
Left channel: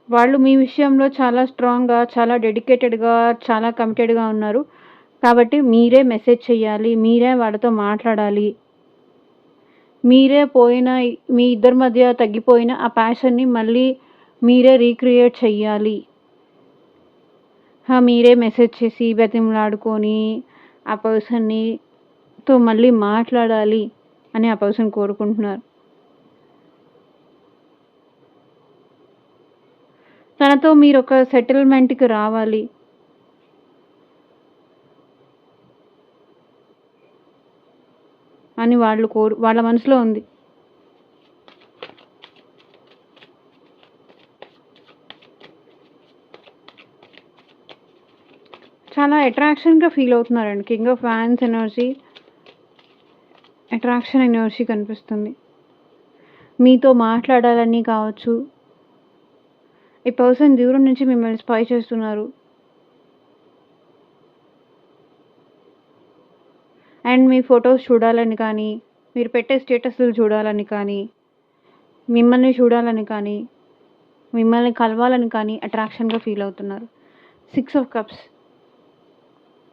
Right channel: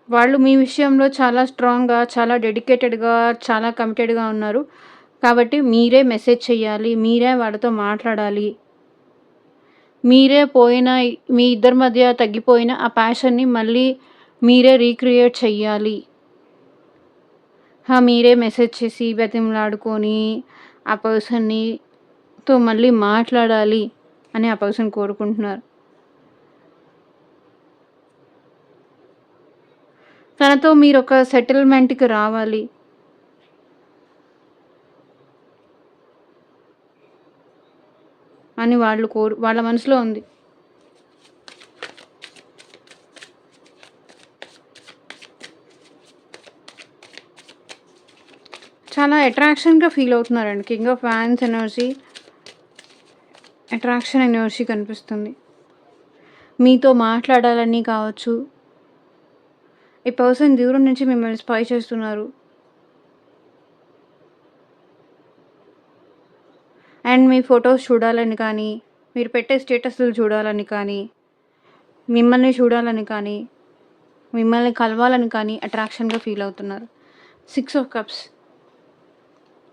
వాళ్ళు మీ విషయంలో చాలా స్ట్రాంగ్‌గా, చాలా డెడికేటెడ్‌గా, చాలా కమిటెడ్‌గా ఉన్నారు. కాబట్టి మీరే మెసేజ్ చేయాలి. మీరే వాళ్ళతో మాట్లాడాలి. మీరే మీ ఇద్దరి మధ్య తగ్గిపోయిన ఆ ప్యాషన్‌ని మళ్ళీ మీరే రీక్రియేట్ చెయ్యాలి. మీరే మెసేజ్ చేసి బతిమలాడుకొని ఆ పర్సన్‌తో మళ్ళీ మాట్లాడాలి అని ఆ పర్సన్ కోరుకుంటున్నారు. తనతో మీరొక సెటిల్‌మెంట్‌కి రావాలి. అని వాళ్ళ మనసులో ఉంది. చాలా అట్రాక్షన్‌గా ఫీల్ అవుతున్నారండి. King of wands energy, attraction energy కనిపిస్తుంది. మీతో మాట్లాడాలని కావచ్చు. ఈ పర్సన్ దూరం నుంచి మిమ్మల్ని స్పై చేస్తున్నారు. అండ్ మీ ఫోటోస్ చూడాలని కానీ, మీరు పెట్టే స్టేటస్‌లు చూడాలని కానీ, మిమ్మల్ని చూడాలని కానీ, మిమ్మల్ని కలవాలని కానీ అట్రాక్షన్‌గా ఫీల్ అవుతున్నారు. 6 ఆఫ్ కప్స్.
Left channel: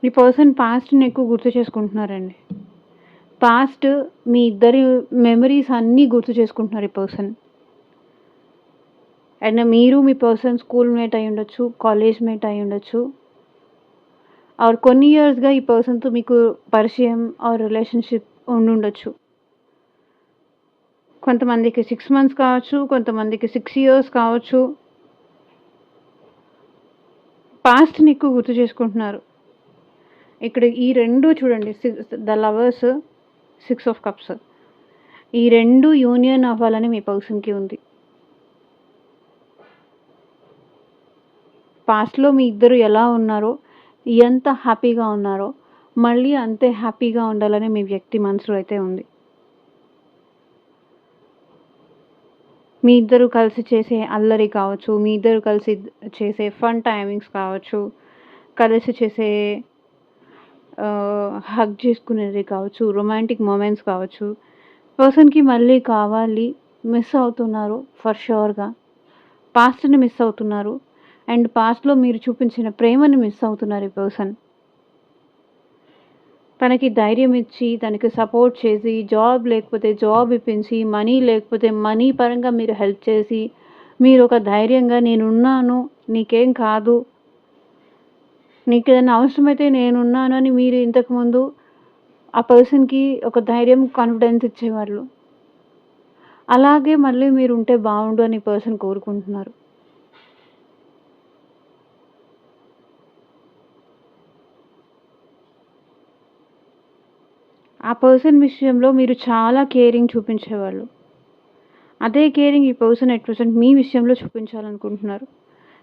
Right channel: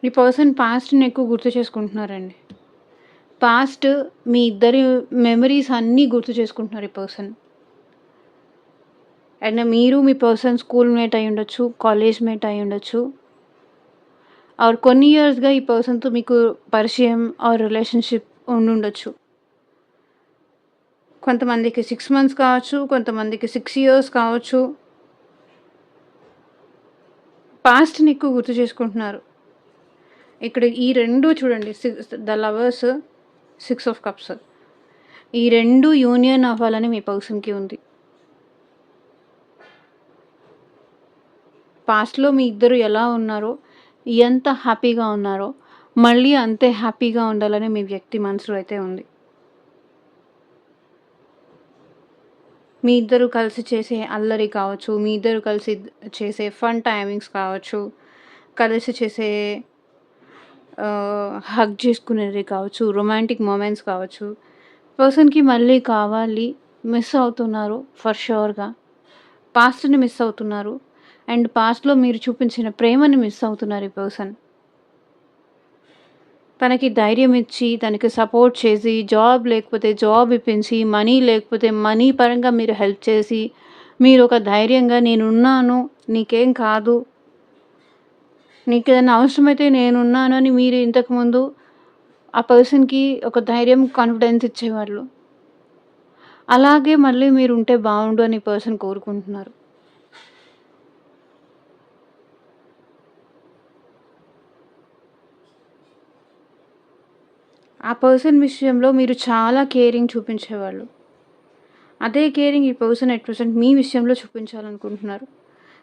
ఈ పర్సన్ పాస్ట్‌ని ఎక్కువ గుర్తు చేసుకుంటున్నారండి. పాస్ట్ మీ ఇద్దరి మెమరీస్ అన్నీ గుర్తు చేసుకుంటున్నారు ఈ పర్సన్. అండ్ మీరు మీ పర్సన్ స్కూల్ మేట్ అయ్యుండొచ్చు, కాలేజ్ మేట్ అయ్యుండొచ్చు. ఆర్ కొన్ని ఇయర్స్‌గా ఈ పర్సన్‌తో మీకు పరిచయం ఆర్ రిలేషన్‌షిప్ ఉండుండొచ్చు. కొంతమందికి 6 మంత్స్ కావచ్చు, కొంతమందికి 6 ఇయర్స్ కావచ్చు. పాస్ట్‌ని ఎక్కువ గుర్తు చేసుకుంటున్నారు. ఇక్కడ ఈ 2 చూడండి, ద లవర్స్, 6 ఆఫ్ కప్స్. ఈ 2 యూనియన్ అవ్వాలని మీ పర్సన్‌కి ఉంది. పాస్ట్‌లో మీ ఇద్దరు ఎలా ఉన్నారో, ఎంత హ్యాపీగా ఉన్నారో, మళ్ళీ అంతే హ్యాపీగా ఉండాలని మీ వ్యక్తి మనసులో అయితే ఉంది. మీ ఇద్దరు కలిసి చేసే అల్లరి కావచ్చు, మీ ఇద్దరు కలిసి చేసే ఫన్ టైమింగ్స్ కావచ్చు, కలిసి చేసే హగ్ చేసుకునేది కావచ్చు, రొమాంటిక్ మొమెంట్స్ కావచ్చు. పర్సన్‌కి మళ్ళీ కావాలి, మిస్ అవుతున్నారు ఫర్ ష్యూర్‌గా. పాస్ట్‌ని మిస్ అవుతున్నారు. అండ్ పాస్ట్‌లో మీరు చూపించిన ప్రేమని మిస్ అవుతున్నారు ఈ పర్సన్. తనకి ధైర్యం ఇచ్చి, తనకి సపోర్ట్ చేసి, జాబ్ లేకపోతే జాబ్ ఇప్పించి, మనీ లేకపోతే మనీ పరంగా మీరు హెల్ప్ చేసి, మీరొక ధైర్యంగా నేనున్నాను, నీకేం కాదు, నీకేదైనా అవసరమైతే నేనున్నాను అని మీరు ఇంతకుముందు ఆ పర్సన్‌కి ఒక ధైర్యం, కాన్ఫిడెన్స్ ఇచ్చేవాళ్ళు. అలాగే మళ్ళీ మీరుంటే బావుండు అని పర్సన్ కోరుకుంటున్నారు. ఆ పర్సన్ విషయంలో మీరు చాలా కేరింగ్ చూపించేవాళ్ళు. అదే కేరింగ్ ఈ పర్సన్ ఎట్ ప్రెజెంట్ మీ విషయంలో చూపించాలనుకుంటున్నారు.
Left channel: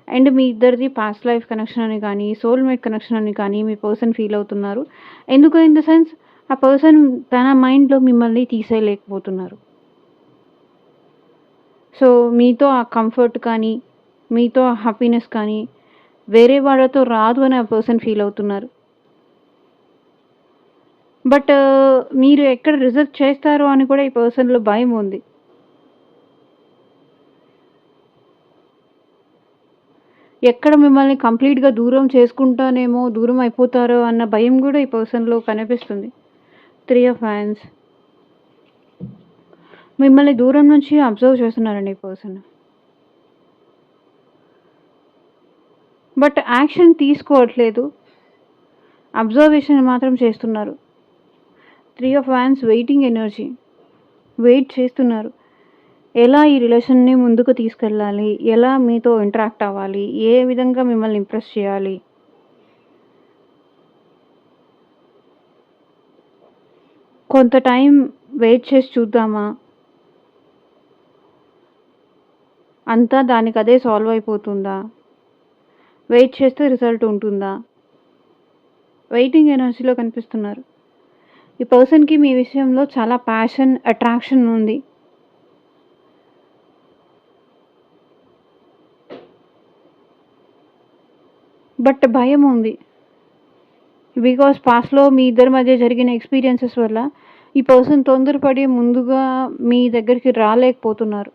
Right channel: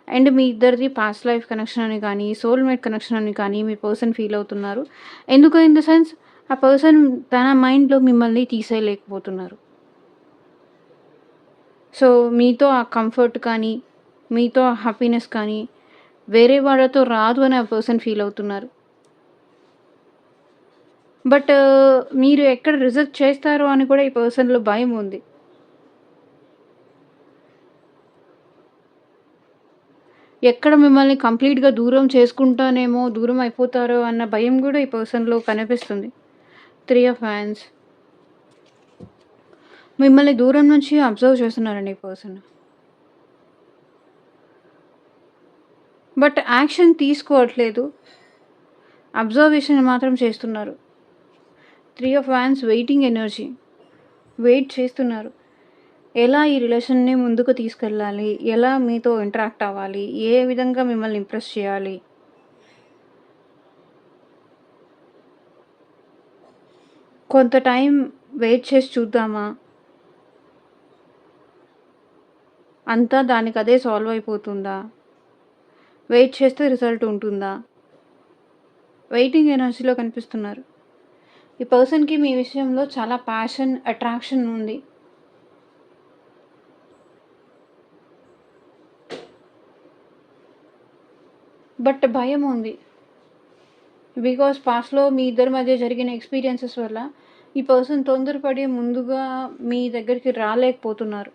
అండ్ మీ ఇద్దరిది పాస్ట్ లైఫ్ కనెక్షన్ అని కానీ, సోల్‌మేట్ కనెక్షన్ అని కానీ మీ పర్సన్ ఫీల్ అవుతున్నారు. ఎందుకు ఇన్ ద సెన్స్, ఆ పర్సన్ తన మైండ్‌లో మిమ్మల్ని తీసేయలేకపోతున్నారు. సో, మీతో ఆ కంఫర్ట్ కానీ, మీతో ఆ హ్యాపీనెస్ కానీ, వేరే వాళ్ళతో రాదు అని ఆ పర్సన్ ఫీల్ అవుతున్నారు. బట్ మీరు ఎక్కడ రిజెక్ట్ చేస్తారో అని కూడా ఈ పర్సన్‌లో భయం ఉంది. ఎక్కడ మిమ్మల్ని కంప్లీట్‌గా దూరం చేసుకుంటానేమో, దూరం అయిపోతారో అన్న భయం గూడా ఈ పర్సన్‌లో కనిపిస్తుంది. 3 ఆఫ్ హ్యాండ్స్. మిమ్మల్ని దూరం నుంచి అబ్జర్వ్ చేస్తున్నారండి ఈ పర్సన్. బట్ యాక్షన్ తీసుకోవట్లేదు. అబ్జర్వేషన్ మాత్రం చేస్తున్నారు. 3 of hands waiting energy. Wait చేస్తున్నారు. ఎలా ఈ రిలేషన్‌ని ముందుకు తీసుకెళ్ళాలి? ఎలా మీతో ఇంటరాక్ట్ అవ్వాలి? ఏ విధంగా మిమ్మల్ని ఇంప్రెస్ చేయాలి? కొంత టైం వెయిట్ చేసి చూద్దామా? అంతా దానికదే సాల్వ్ అయిపోతుందా? వెయిట్ చేస్తే రిజల్ట్ ఉంటుందా? వెయిటింగ్ ఎనర్జీలో కనిపిస్తున్నారు. ఈ పర్సన్‌కి మీ విషయంలో చాలా ప్యాషన్, అట్రాక్షన్ ఉంది. బట్ భయం ఉంది. బికాజ్ పాస్ట్‌లో మీ ఇద్దరి మధ్య జరిగిన ఎక్స్‌పీరియన్సెస్ వల్ల ఈ పర్సన్ తొందరపడి ముందుగా మీ దగ్గరికి రాలేకపోతున్నారు.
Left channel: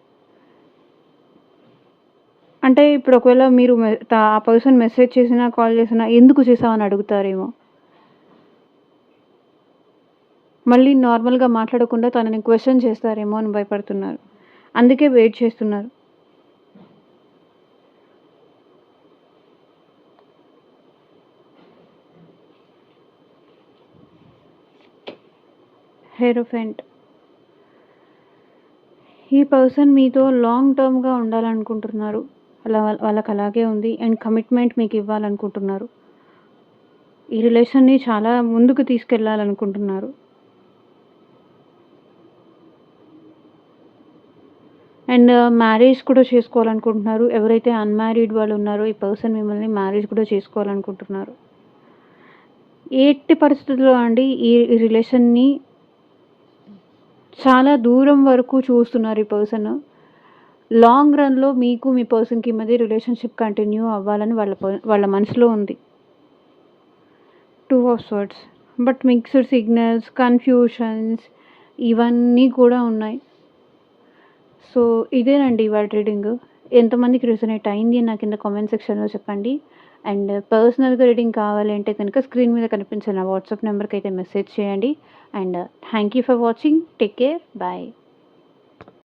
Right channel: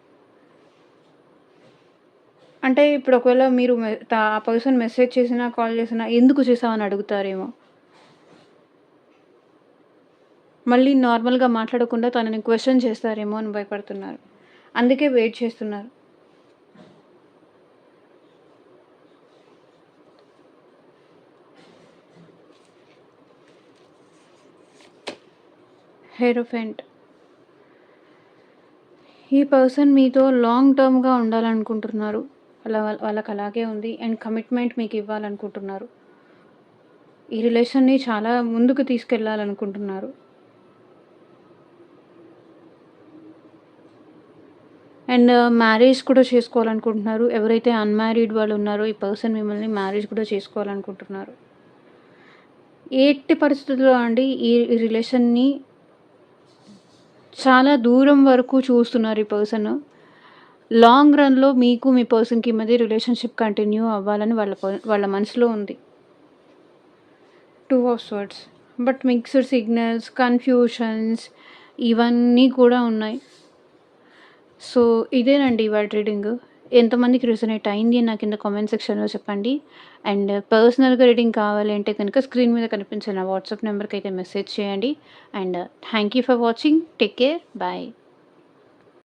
అంటే ఇప్పుడు ఒకవేళ మీరు ఆ పర్సన్ మెసేజ్ చేసినా, కాల్ చేసినా ఎందుకు చేశావని అడుగుతారేమో. మళ్ళీ నార్మల్‌గా మాట్లాడకుండా తనని క్వెషన్ చేస్తారేమో అని భయపడుతున్నారు. అందుకే వెయిట్ చేస్తున్నారు. హెరోఫెంట్. ఈ పర్సన్ మీతో లాంగ్ టర్మ్‌గా ఉండాలనుకుంటున్నారు. వాళ్ళకి అలాగే ఉంది. అండ్ కమిట్మెంట్ మీకు ఇవ్వాలనుకుంటున్నారు. ఈ రిలేషన్‌ని చాలా ముందుకు తీసుకెళ్ళాలనుకుంటున్నారు. అండ్ మ్యారేజ్ కూడా చేసుకోవాలనుకుంటున్నారు. ఎవరైతే అన్‌మ్యారీడ్ వాళ్ళు ఉన్నారో ఈ పర్సన్ మిమ్మల్ని మ్యారేజ్ కూడా చేసుకోవాలనుకుంటున్నారు. ఎట్టి పరిస్థితుల్లో అండి ఈ రిలేషన్‌ని చాలా దూరం వరకు చూస్తున్నారు ఈ పర్సన్. లాంగ్ రన్‌లో మీకు మీ పర్సన్‌కి మధ్య రిలేషన్‌షిప్ కంటిన్యూ అవ్వాలని వాళ్ళ మనసులో ఉంది. 2 of swords. But mixed signals, confusions, ఇవన్నీ కూడా ఉన్నాయి. సో, ఇదేనండి ఇవాల్టి రీడింగు. ఎంతమందికి రెసొనేట్ అయింది అని నాకు కింద కామెంట్ సెక్షన్‌లో చెప్పండి. అండ్ పర్సనల్‌గా రీడింగ్ కావాలి అంటే కనుక స్క్రీన్ మీద కనిపించే నా వాట్సాప్ నెంబర్‌కైతే మెసేజ్ చేయండి. And thank you for watching. Take care. Bye.